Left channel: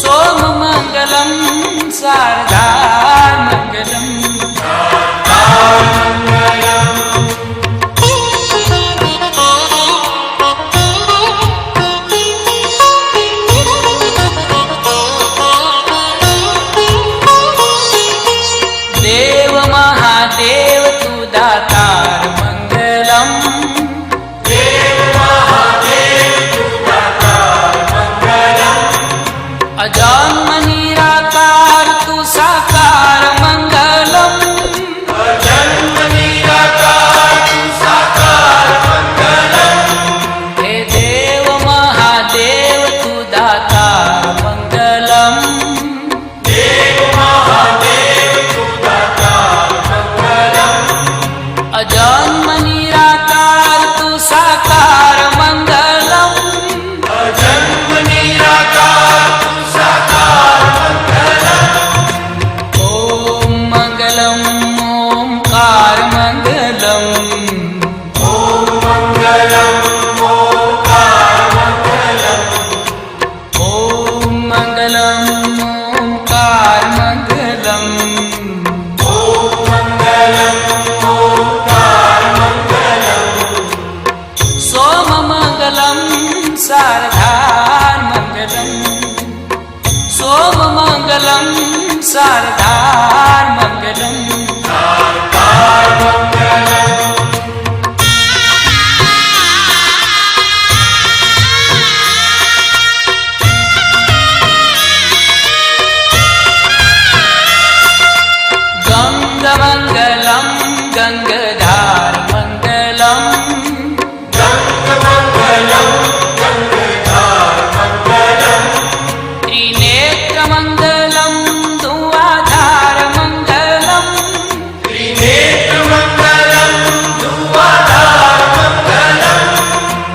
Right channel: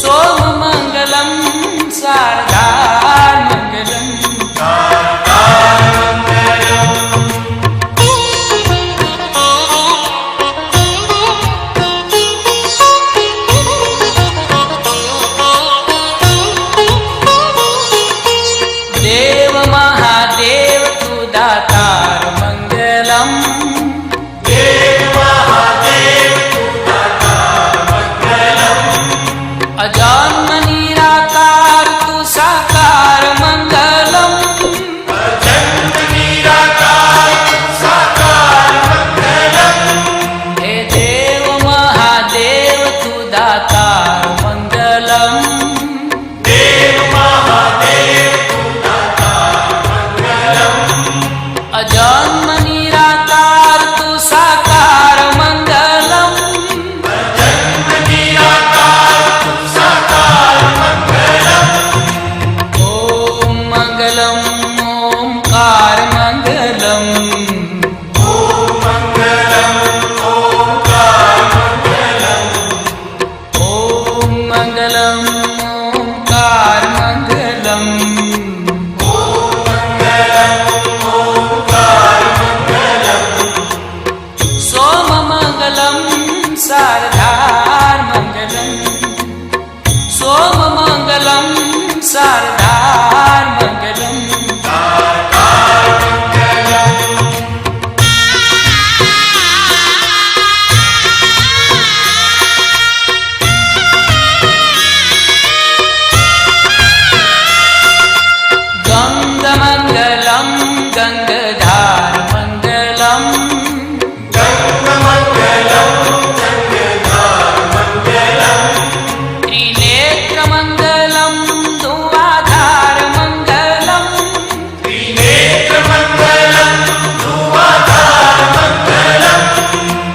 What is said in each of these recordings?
सोममङ्गलं शारदामङ्गलम् देव महादेव तू दातार मंगलम् अजन्म निराकार तू साकार मंगलम् हे देव महादेव तू दातार मंगलम् अजन्म निराकार तू साकार मंगलम् ओम मंगलम ओंकार मंगलम ओम मंगलम ओंकार मंगलम सोममङ्गलं शारदार मङ्गलम् सोममङ्गलं शारदार मङ्गलम् गङ्गमङ्गलं गङ्गाधार मङ्गलम् त्रिनेत्रमङ्गलं धुआधार मङ्गलम्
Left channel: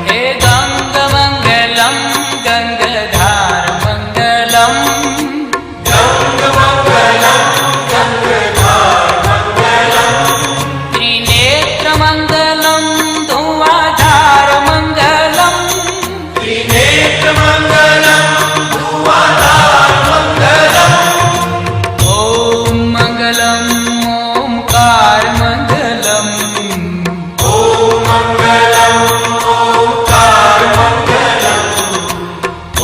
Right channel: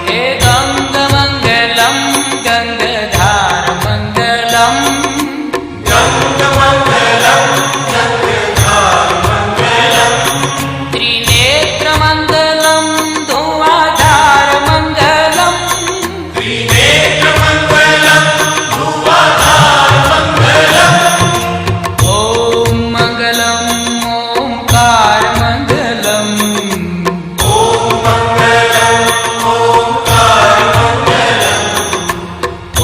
हे गङ्गमङ्गलं गङ्गाधार मङ्गलम् त्रिनेत्रमङ्गलं धुआधार मङ्गलम् ओम मंगलम ओंकार मंगलम ओम मंगलम ओंकार मंगलम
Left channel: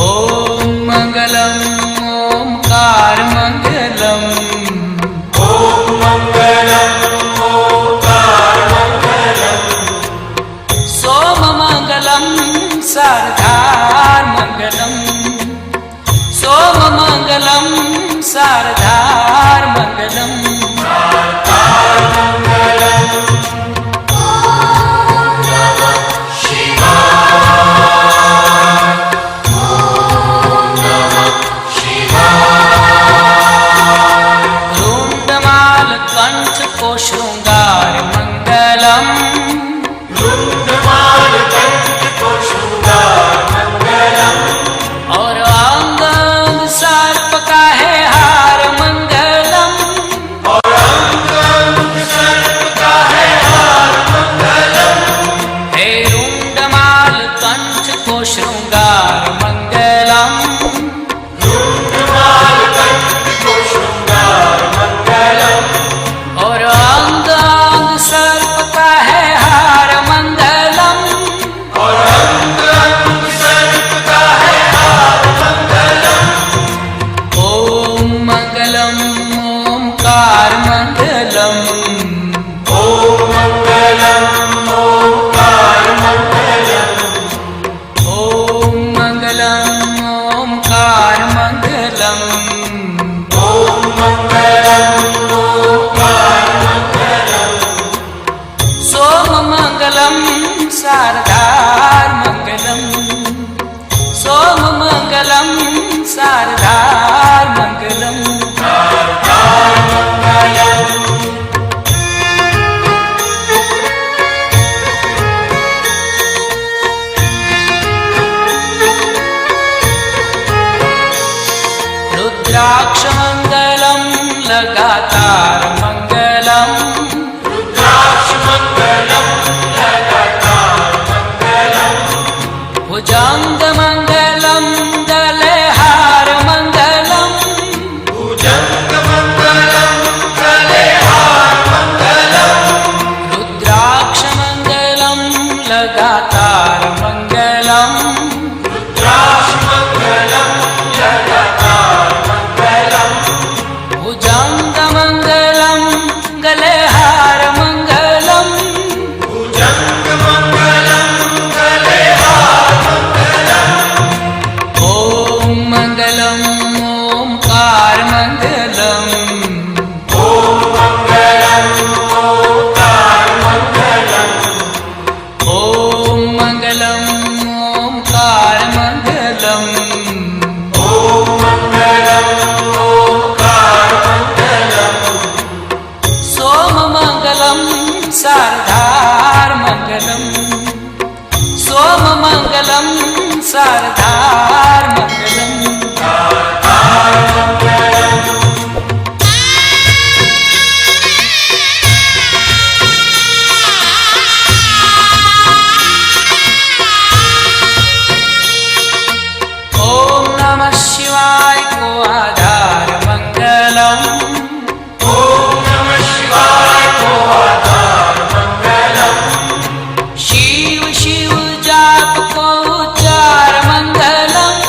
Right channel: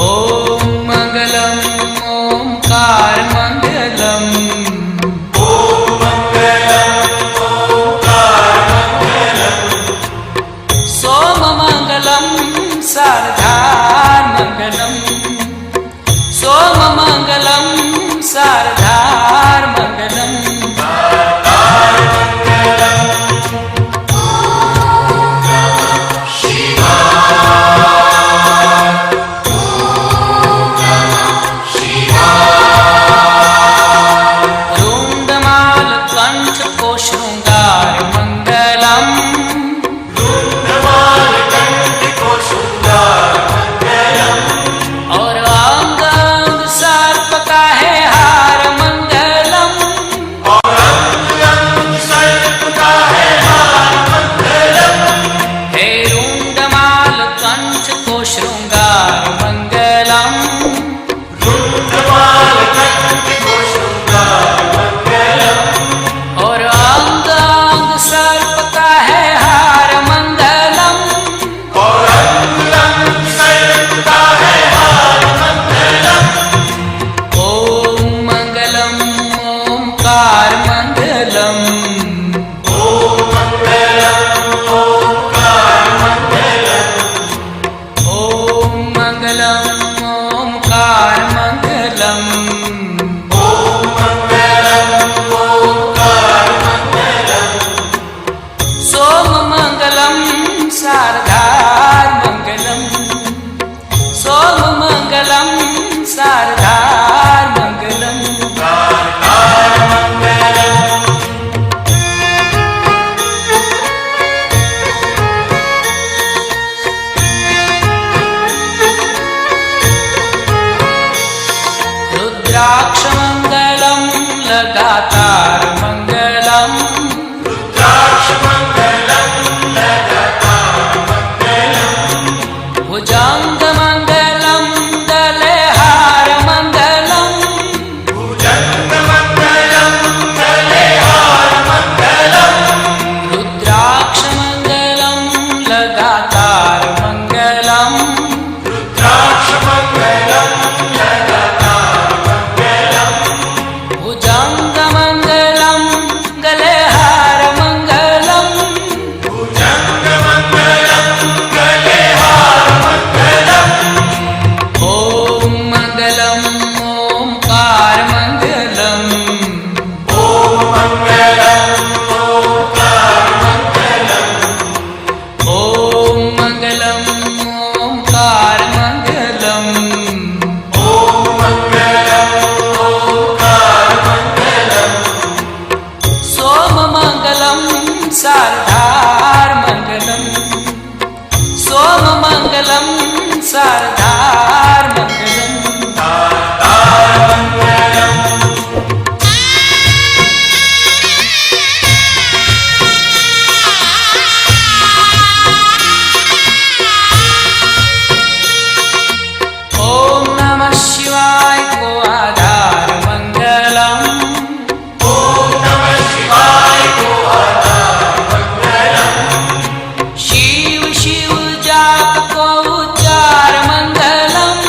ओम मंगलम ओंकार मंगलम ओम मंगलम ओंकार मंगलम सोममङ्गलं शारदार मंगलम् सोममङ्गलं शारदार मंगलम् रुण्डमाल कंठ को शृंगार मंगलम् और अंग अंग सर्प का है हार मंगलम् हे रुण्डमाल कंठ को शृंगार मंगलम् और अंग अंग सर्प का है हार मंगलम् ओम मंगलम ओंकार मंगलम ओम मंगलम ओंकार मंगलम ओम मंगलम ओंकार मंगलम ओम मंगलम ओंकार मंगलम सोममङ्गलं शारदार मंगलम् सोममङ्गलं शारदार मंगलम् रुद्राक्षमङ्गलं लगातार मंगलम् भुजङ्गमङ्गलं दले मङ्गलम् ओङ्कार मङ्गलम् ॐ मङ्गलम् ओङ्कार मङ्गलम् सोममङ्गलं शारदार मङ्गलम् सोममङ्गलं शारदार मङ्गलम् ॐ नमः शिवाय को आधार मङ्गलम् शिव शिव जाप को उच्चार मङ्गलम्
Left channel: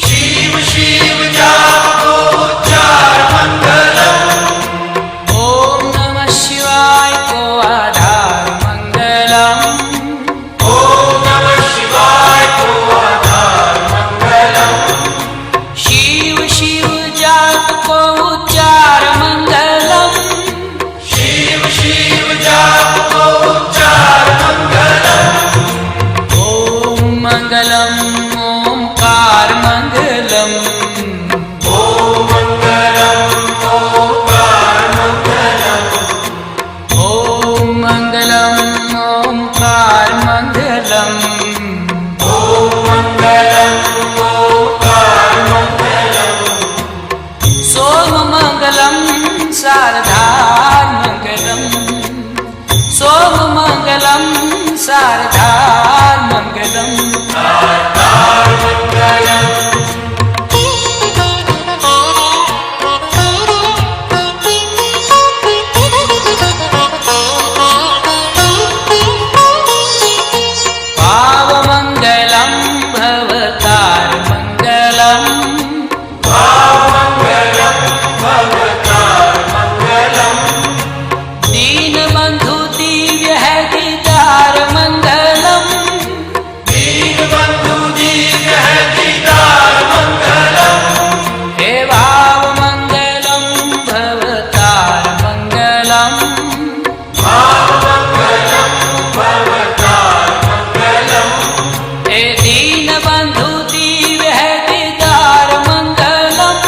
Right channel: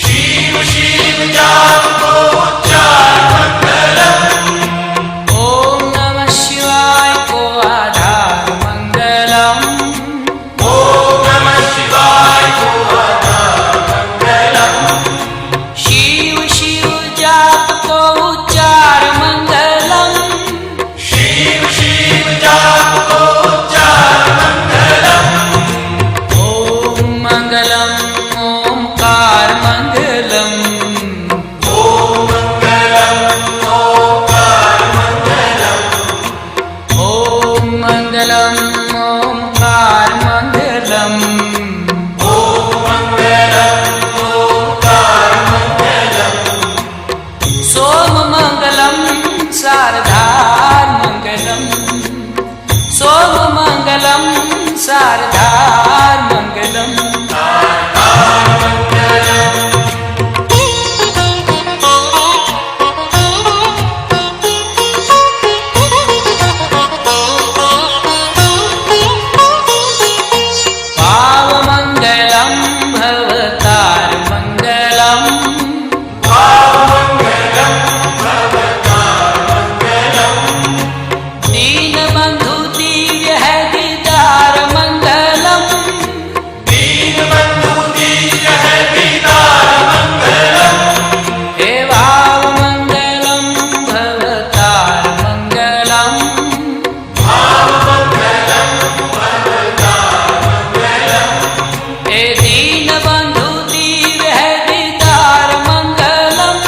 शिव शिव जाप को उच्चार मङ्गलम् ॐ नमः शिवाय को आधार मङ्गलम् ॐ नमः शिवाय को आधार मङ्गलम् शिव शिव जाप को उच्चार मङ्गलम् शिव शिव जाप को उच्चार मङ्गलम् ओङ्कार मङ्गलम् ॐ मङ्गलम् ओङ्कार मङ्गलम् सोममङ्गलं शारदार मङ्गलम् सोममङ्गलं शारदार मङ्गलम् पावमङ्गलं भवतार मङ्गलम् दीनबन्धु दिव्य है दीदार मङ्गलम् दीनबन्धु दिव्य है दीदार मङ्गलम् हे भावमङ्गलं भवतार मङ्गलम् हे दीनबन्धु दिव्य है दीदार मङ्गलम्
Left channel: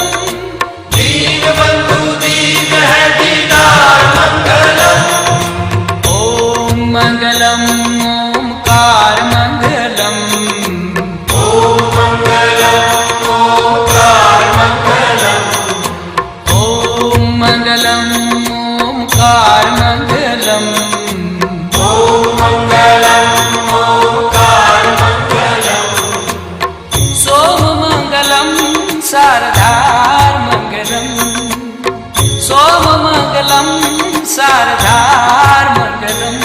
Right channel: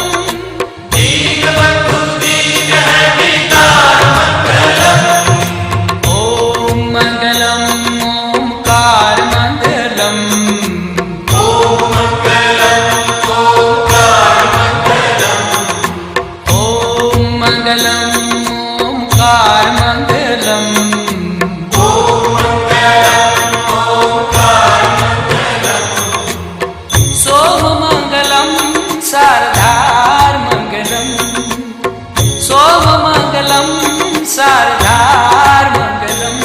दीनबन्धु दिव्य है दीदार मङ्गलम् ॐ मङ्गलम् ओङ्कार मङ्गलम् ॐ मङ्गलम् ओङ्कार मङ्गलम् सोममङ्गलं शारदार मङ्गलम् सोममङ्गलं शारदार मङ्गलम्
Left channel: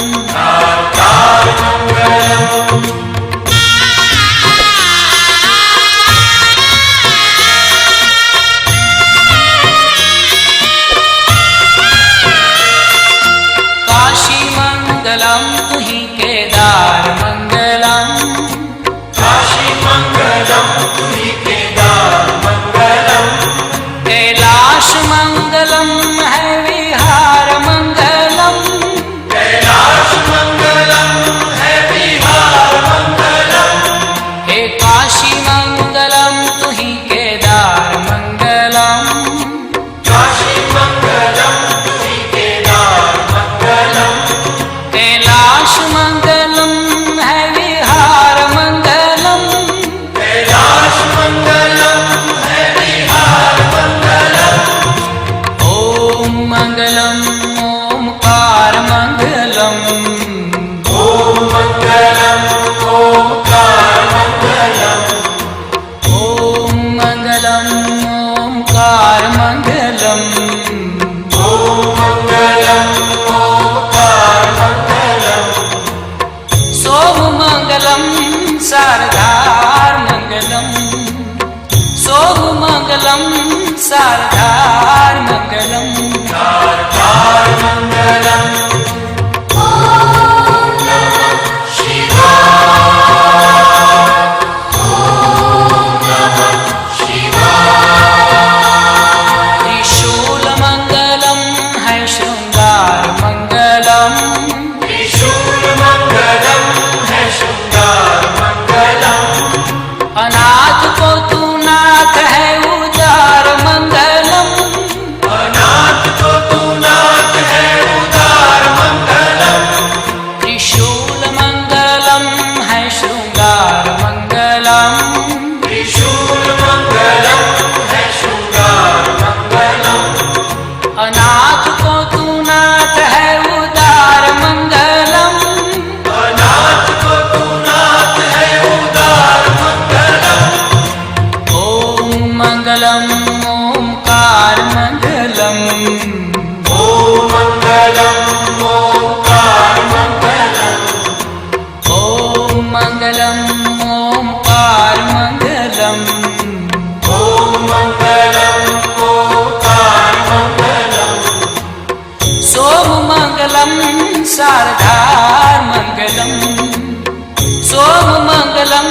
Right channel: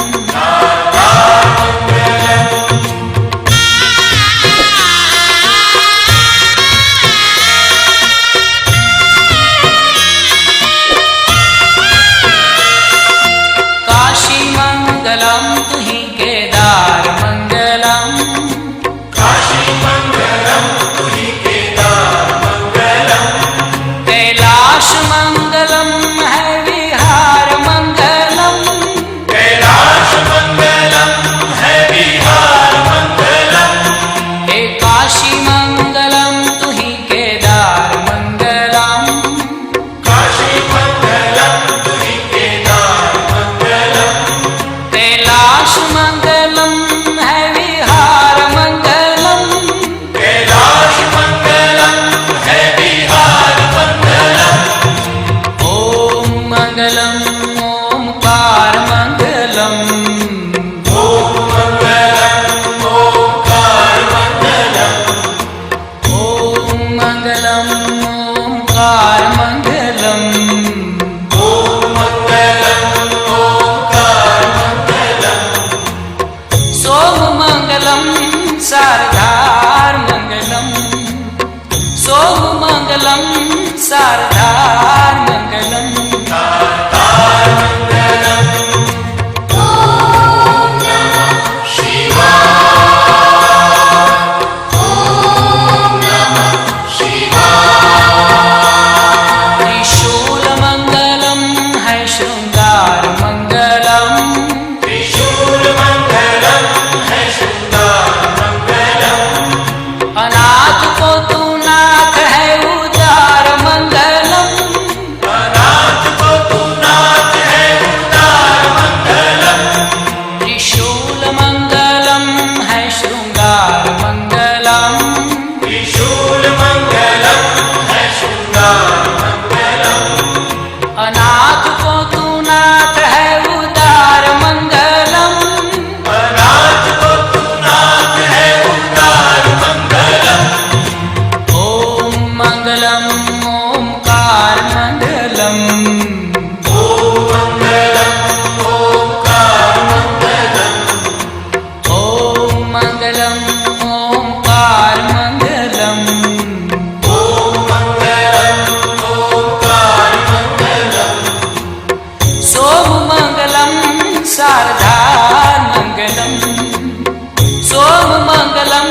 काशी मङ्गलं तुहि केदार मङ्गलम् कैलाश मङ्गलं है विहार मङ्गलम् कैलाश मङ्गलं है विहार मङ्गलम् हे काशी मङ्गलं तुहि केदार मङ्गलम् काशी मङ्गलं तुहि केदार मङ्गलम् कैलाश मङ्गलं है विहार मङ्गलम् कैलाश मङ्गलं है विहार मङ्गलम् ओङ्कार मङ्गलम् ॐ मङ्गलम् ओङ्कार मङ्गलम् सोममङ्गलं शारदार मङ्गलम् सोममङ्गलं शारदार मङ्गलम् शिवाय मंगलम ओंकार मंगलम। ओम मंगलम ओंकार मंगलम। ओम मंगलम ओंकार मंगलम। ओम मंगलम ओंकार मंगलम। सोम मंगलम शारदार मंगलम। सोम मंगलम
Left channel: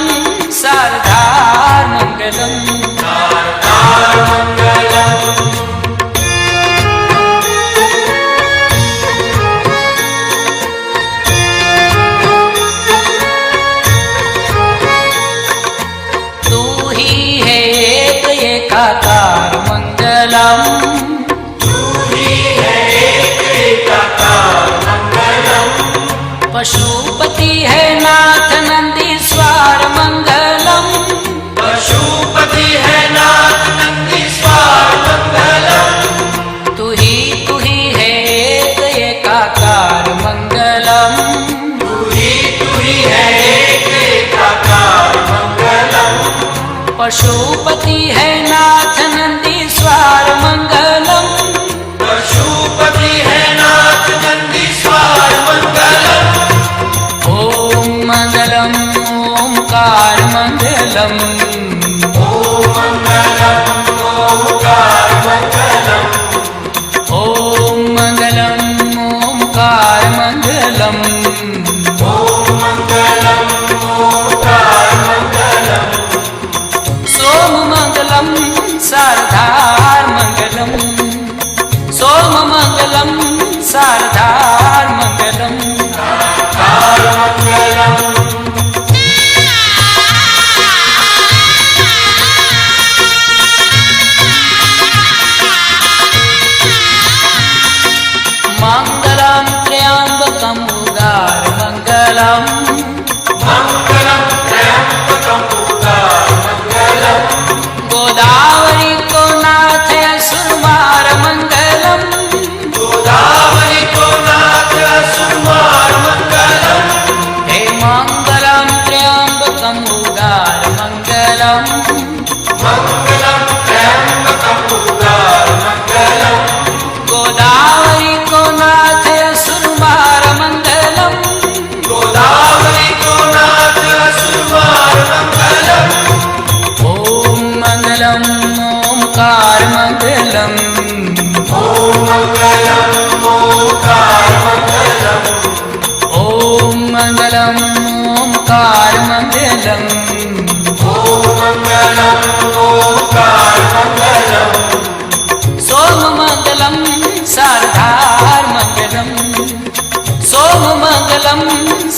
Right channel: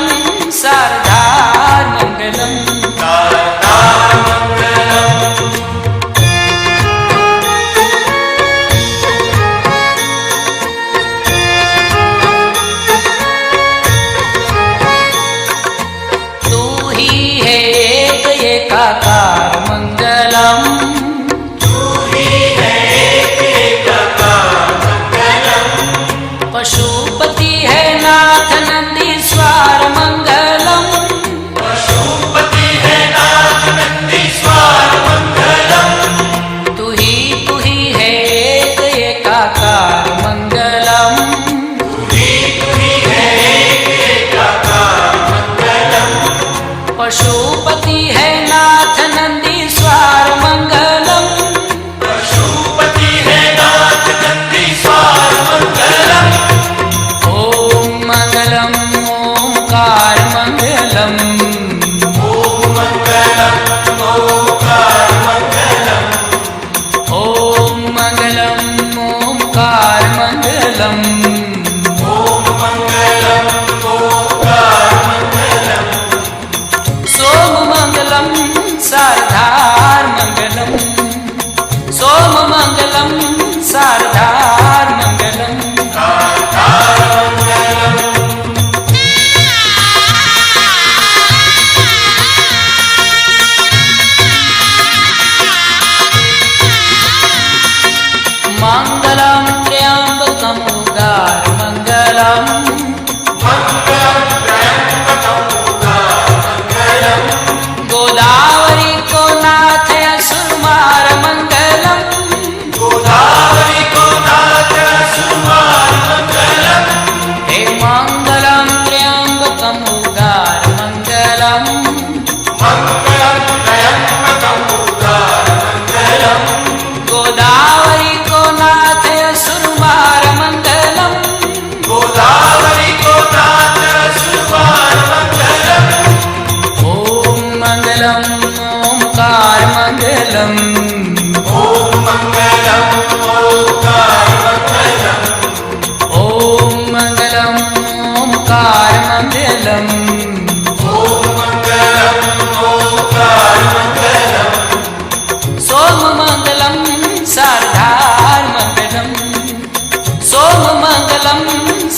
शारदार मंगलम। शारदार मंगलम। तू ही है एक एकाकार मंगलम। तू ही है एक एकाकार मंगलम। पशुपति है नाथ नंदीश्वर मंगलम। पशुपति है नाथ नंदीश्वर मंगलम। तू ही है एक एकाकार मंगलम। तू ही है एक एकाकार मंगलम। पशुपति है नाथ नंदीश्वर मंगलम। पशुपति है नाथ नंदीश्वर मंगलम। ओम मंगलम ओंकार मंगलम। ओम मंगलम ओंकार मंगलम। ओम मंगलम ओंकार मंगलम। ओम मंगलम ओंकार मंगलम। सोम मंगलम शारदार मंगलम। सोम मंगलम शारदार मंगलम। शारदार मंगलम। मंगलम त्र्यंबकम उदार मंगलम। मंगलम त्र्यंबकम उदार मंगलम। गोदावरी को नाथ असुरमार मंगलम। गोदावरी को नाथ असुरमार मंगलम। हे मंगलम त्र्यंबकम उदार मंगलम। मंगलम त्र्यंबकम उदार मंगलम। गोदावरी को नाथ असुरमार मंगलम। गोदावरी को नाथ असुरमार मंगलम। ओम मंगलम ओंकार मंगलम। ओम मंगलम ओंकार मंगलम। ओम मंगलम ओंकार मंगलम। ओम मंगलम ओंकार मंगलम। सोम मंगलम शारदार मंगलम। सोम मंगलम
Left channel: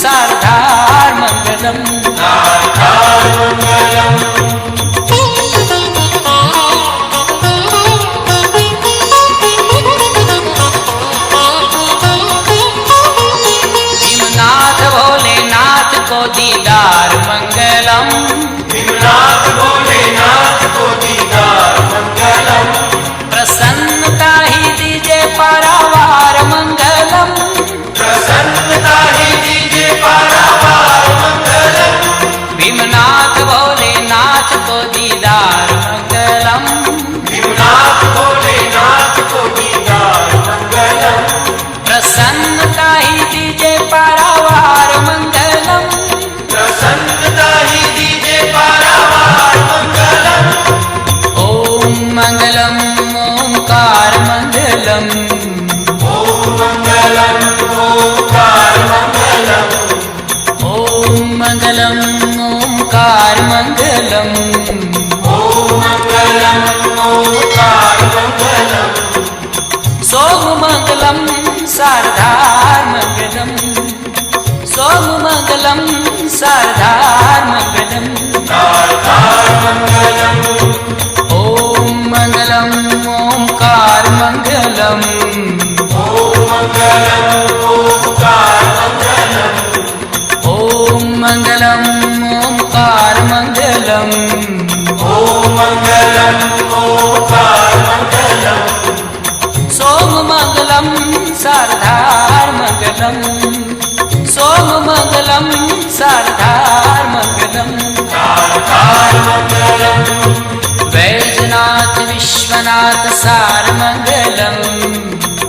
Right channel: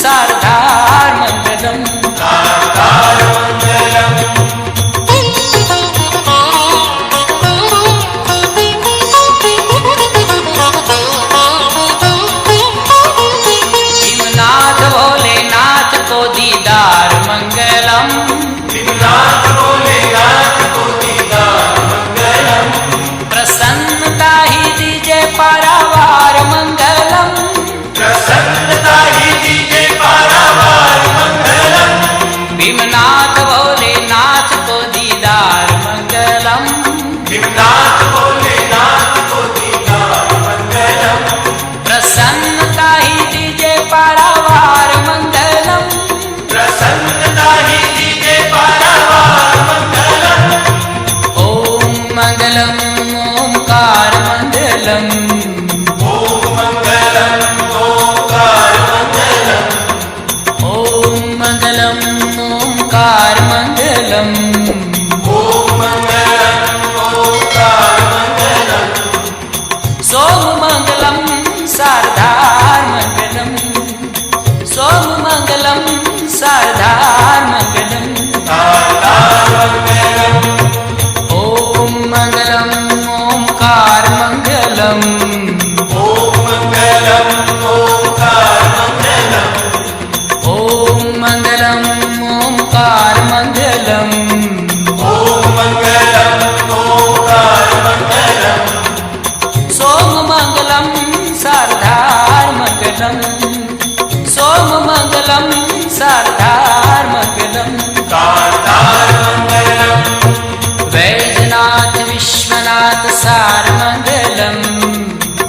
शारदार मंगलम। शारदार मंगलम। भीमनाथ भोलेनाथ को दीदार मंगलम। भीमनाथ भोलेनाथ को दीदार मंगलम। प्रसन्नता ही दीजे पारावार मंगलम। प्रसन्नता ही दीजे पारावार मंगलम। भीमनाथ भोलेनाथ को दीदार मंगलम। भीमनाथ भोलेनाथ को दीदार मंगलम। प्रसन्नता ही दीजे पारावार मंगलम। प्रसन्नता ही दीजे पारावार मंगलम। ओम मंगलम ओंकार मंगलम। ओम मंगलम ओंकार मंगलम। ओम मंगलम ओंकार मंगलम। ओम मंगलम ओंकार मंगलम। सोम मंगलम शारदार मंगलम। सोम मंगलम शारदार मंगलम। शारदार मंगलम। ओम मंगलम ओंकार मंगलम। ओम मंगलम ओंकार मंगलम। ओम मंगलम ओंकार मंगलम। ओम मंगलम ओंकार मंगलम। सोम मंगलम शारदार मंगलम। सोम मंगलम शारदार मंगलम। शारदार मंगलम। वैजनाथ वैद्यनाथ विश्वनाथ सारमंगलम्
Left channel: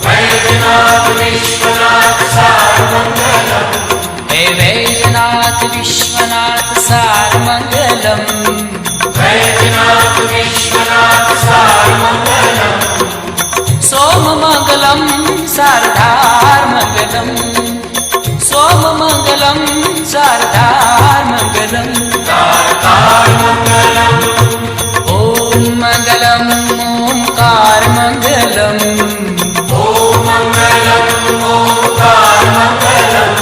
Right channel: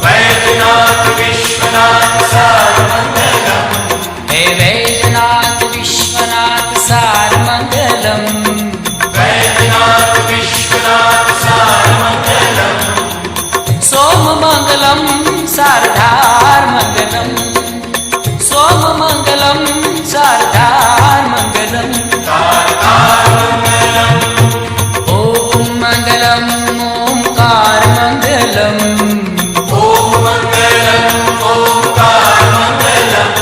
वैद्यनाथ विश्वनाथ सारमंगलम् हे वैद्यनाथ विश्वनाथ सारमंगलम् वैद्यनाथ विश्वनाथ सारमंगलम् सोममंगलम् सारधारमंगलम् सोममंगलम् सारधारमंगलम् ॐ मङ्गलम् ओंकारमंगलम् ॐ मङ्गलम् ओंकारमंगलम्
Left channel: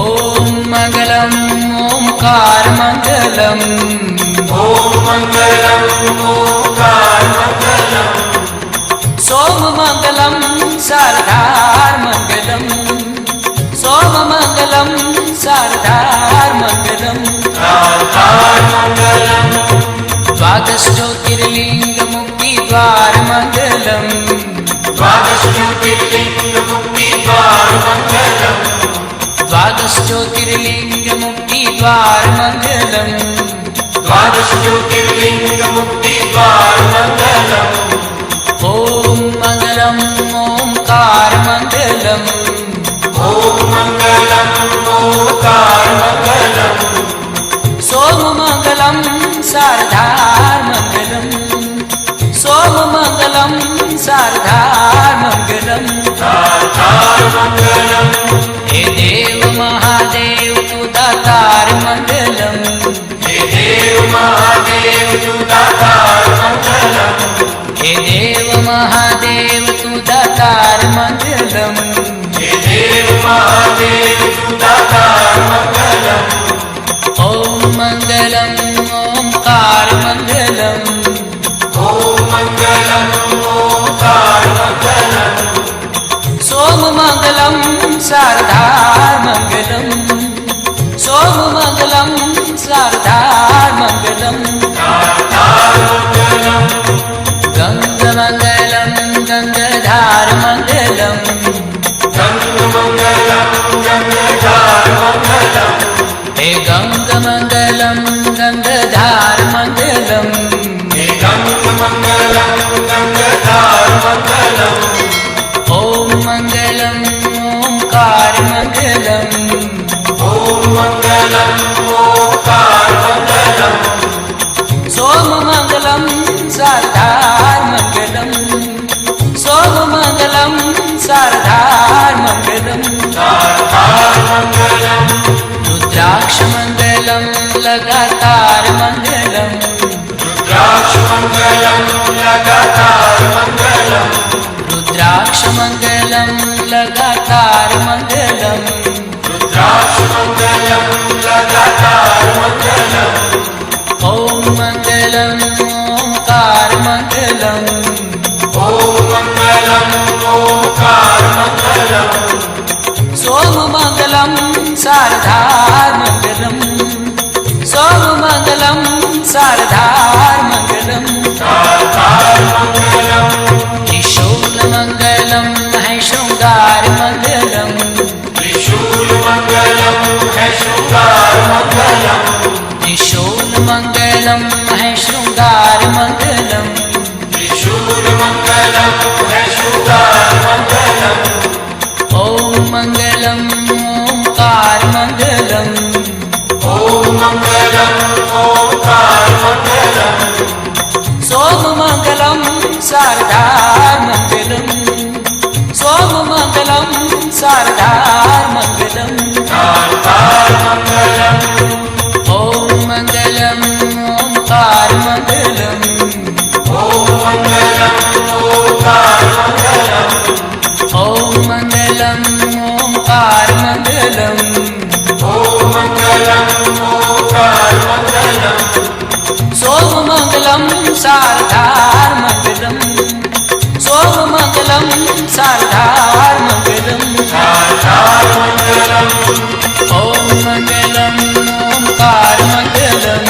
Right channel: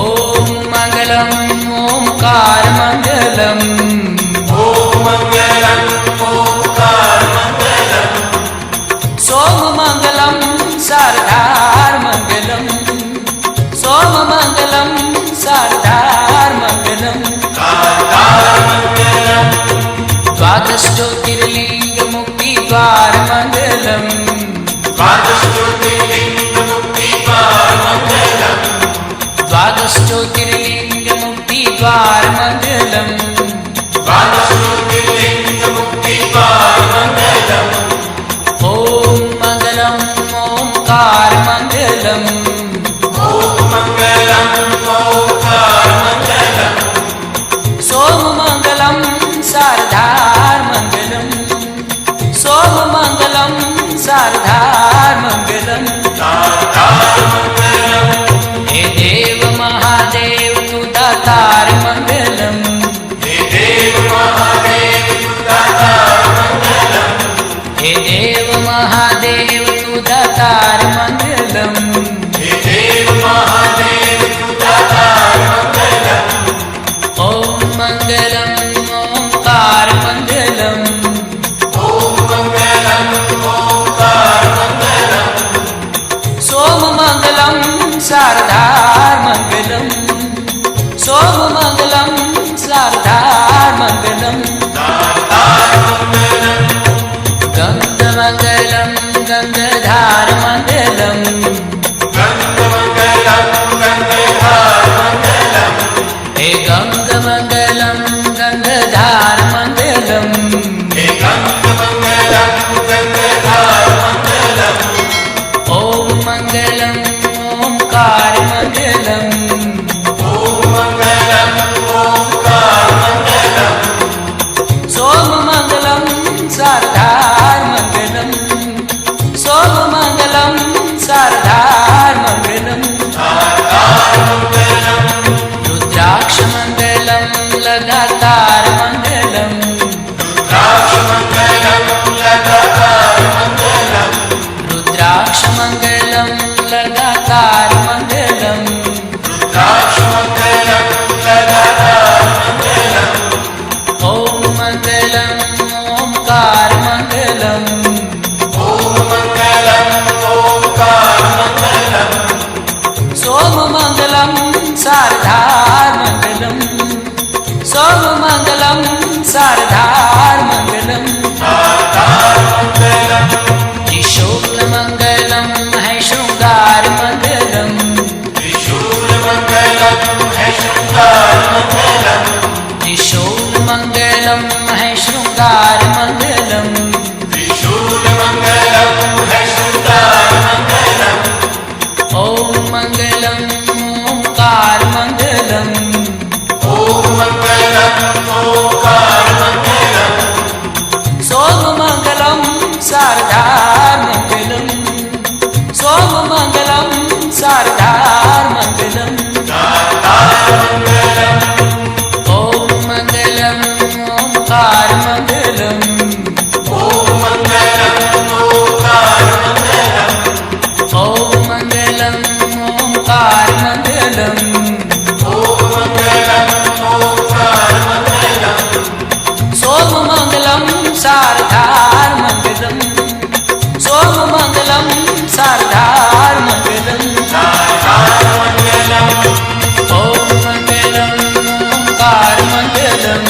ॐ मङ्गलम् ओंकारमंगलम् ॐ मङ्गलम् ओंकारमंगलम् सोममंगलम् सारधारमंगलम् सोममंगलम् सारधारमंगलम् द्वादशज्योतिर्लिङ्गमुक्तिद्वारमङ्गलम् द्वादशज्योतिर्लिङ्गमुक्तिद्वारमङ्गलम् द्वादशज्योतिर्लिङ्गमुक्तिद्वारमङ्गलम् द्वादशज्योतिर्लिङ्गमुक्तिद्वारमङ्गलम् ॐ मङ्गलम् ओंकारमङ्गलम् ॐ मङ्गलम् ओंकारमङ्गलम् सोममंगलम् सारधारमङ्गलम् सोममंगलम् सारधारमङ्गलम् हे देव महादेव तु दातारमङ्गलम् हे देव महादेव तु दातारमङ्गलम् हे देव महादेव तु दातारमङ्गलम् हे देव महादेव तु दातारमङ्गलम् ॐ मङ्गलम् ओंकारमङ्गलम् ॐ मङ्गलम् ओंकारमङ्गलम् सोममंगलम् सारधारमङ्गलम् सोममंगलम् सारधारमङ्गलम् गङ्गमङ्गलम् गङ्गाधारमङ्गलम् हे गङ्गमङ्गलम् गङ्गाधारमङ्गलम् ॐ मङ्गलम् ओंकारमङ्गलम् सोममंगलम् सारधारमङ्गलम् सोममंगलम् सारधारमङ्गलम् रुद्राक्षमङ्गलम् लगातारमङ्गलम् रुद्राक्षमङ्गलम् लगातारमङ्गलम् ॐ मङ्गलम् ओंकारमङ्गलम् सोममंगलम् सारधारमङ्गलम् सोममंगलम् सारधारमङ्गलम् त्रिशूलमङ्गलम् है शृङ्गारमङ्गलम् त्रिशूलमङ्गलम् है शृङ्गारमङ्गलम् ॐ मङ्गलम् ओंकारमङ्गलम् सोममंगलम् सारधारमङ्गलम् सोममंगलम् सारधारमङ्गलम् ॐ मङ्गलम् ओंकारमङ्गलम् ॐ मङ्गलम् ओंकारमङ्गलम् सोममंगलम् सारधारमङ्गलम् सोममंगलम् सारधारमङ्गलम् ॐ मङ्गलम् ओंकारमङ्गलम्